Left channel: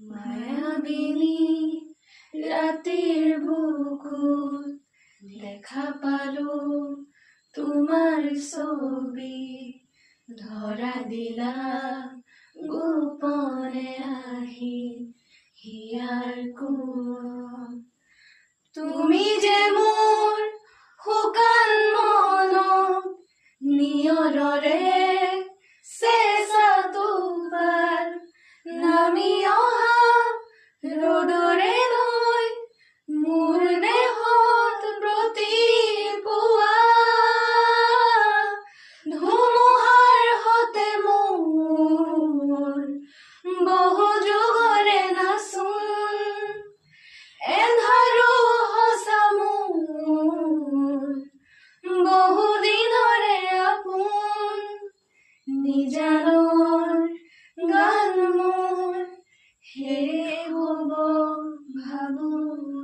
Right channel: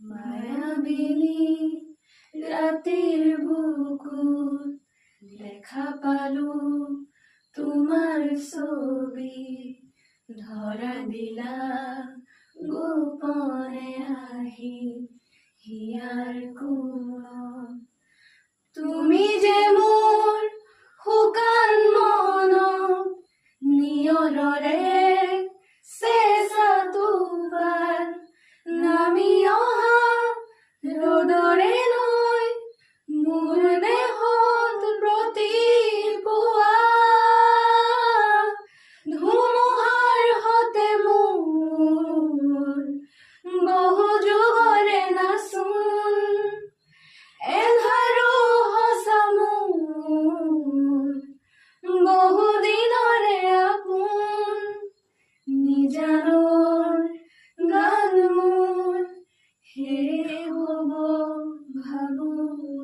মায়াবিনী ৰাতিৰ বুকুত দেখা পালো তোমাৰ ছবি, ধৰা দিলা গোপনে আহি হিয়াৰ কোণত। তুমি যে মোৰ শুকান মনত নিয়ৰৰে চেঁচা টোপাল, নামি অহা ৰ'দৰে নৈ মোৰ দেহত প্ৰতিপুৱা, ধুমুহাৰ সতে মোৰ বহু যুগৰে নাচোন, এন্ধাৰো সঁচা মোৰ বহু দিনৰে আপোন, নিজানৰ গান মোৰ শেষ হ'ব ভাবো।